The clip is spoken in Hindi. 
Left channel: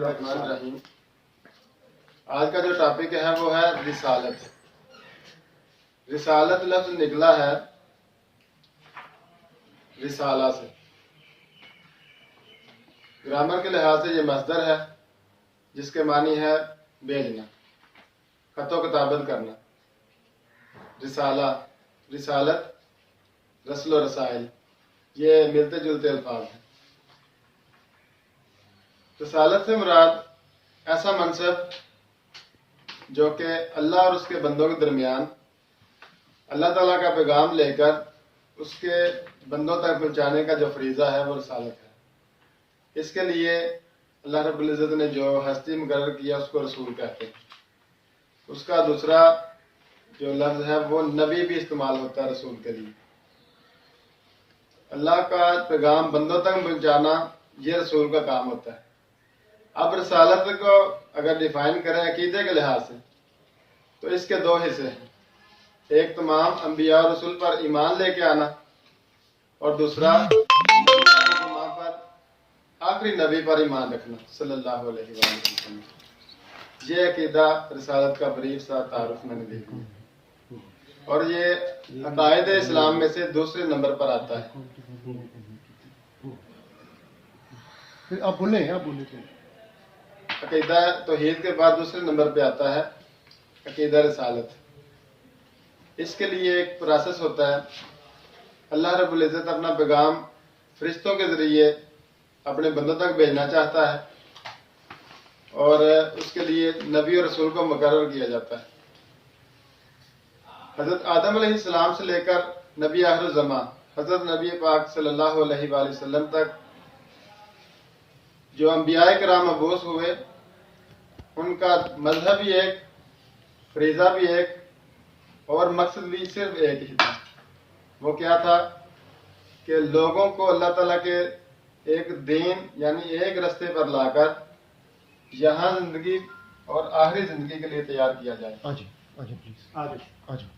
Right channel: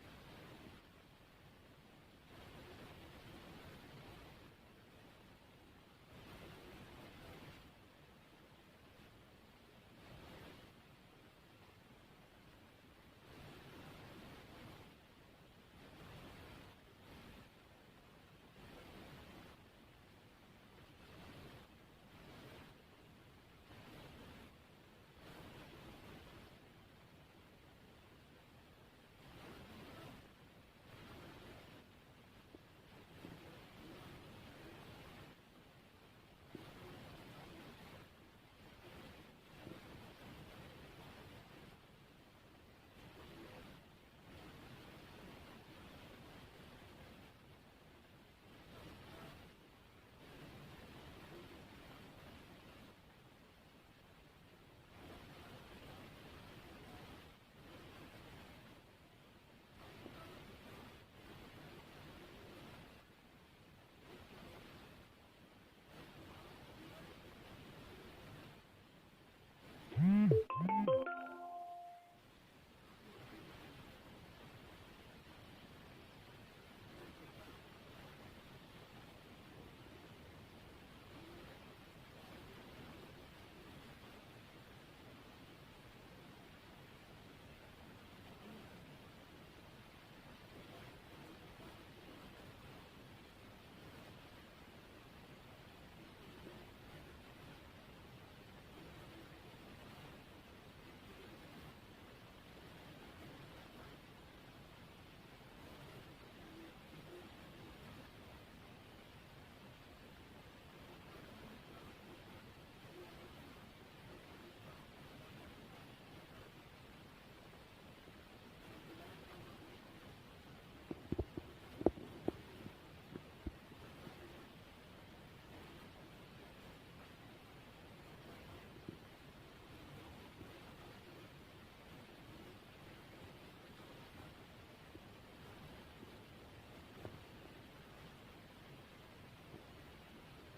बिस्मिल्लाहिर्रहमानिर्रहीम। आज का जो टॉपिक है वो है रिसालत। रिसालत लफ्ज निकला है रिसाला से। ग्रामर के लिहाज से ये मस्दर है जिसके मानी है भेजना, खतो किताबत करना। रिसाला, रिसालत, रस्ल और रसाइल, ये मिलते जुलते अल्फाज हैं। रिसालत से मुराद ऐसा मनसब जो कि अल्लाह और उसके बंदों के दरमियान अल्लाह ताला का पैगाम लेकर उसके बंदों तक पहुँचाने का जो फरीज़ा है वो रिसालत है। इसके लिए अल्लाह रब्बुल इज़्ज़त ने जो हस्ती मुकर्रर किया उसको रसूल कहते हैं। उसका दूसरा जो लफ्ज़ है वो नबी भी इस्तेमाल होता है रसूल के लिए। अल्लाह का पैगाम बंदों तक पहुँचाना ये रसूल का काम होता है। अब रिसालत को अगर डिफाइन करें अकीदे के लिहाज से तो इसके दो हिस्से हैं। एक तमाम अंबिया और रसूल पर ईमान लेके आना और दूसरा पर आखिरी नबी पर ईमान रखना सल्लल्लाहु अलैहि वसल्लम। ये अकीदा रिसालत का ब्रीफ सा तारुफ मैंने देखा और ये अकायद इस्लाम में से दूसरे नंबर पर आता है। फिर आप बोले अकीदा तौहीद के बाद दूसरे नंबर पे आता है अकीदा रिसालत। इसके लिए एक प्रोसेस होता है। अल्लाह रब्बुल इज़्ज़त अपना पैगाम फरिश्तों के ज़रिए अपने बंदों तक भेजना चाहता है और उसके लिए नबी और रसूल को मुकर्रर किया जाता है। हज़रत आदम अलैहिस्सलाम से लेकर नबी आखिर ज़मां हज़रत नबी पाक सल्लल्लाहु अलैहि वसल्लम तक जो अंबियाए किराम मबूस हुए उनका मजहब भी एक, फरीज़ा भी एक और मकसद भी सिर्फ एक ही था। वो क्या था कि लोगों को अल्लाह ताला के एक दीन यानी एक रास्ते पर लाकर यहाँ जिंदगी और आखिरी जिंदगी के लिए तैयार किया जाए। प्लीज।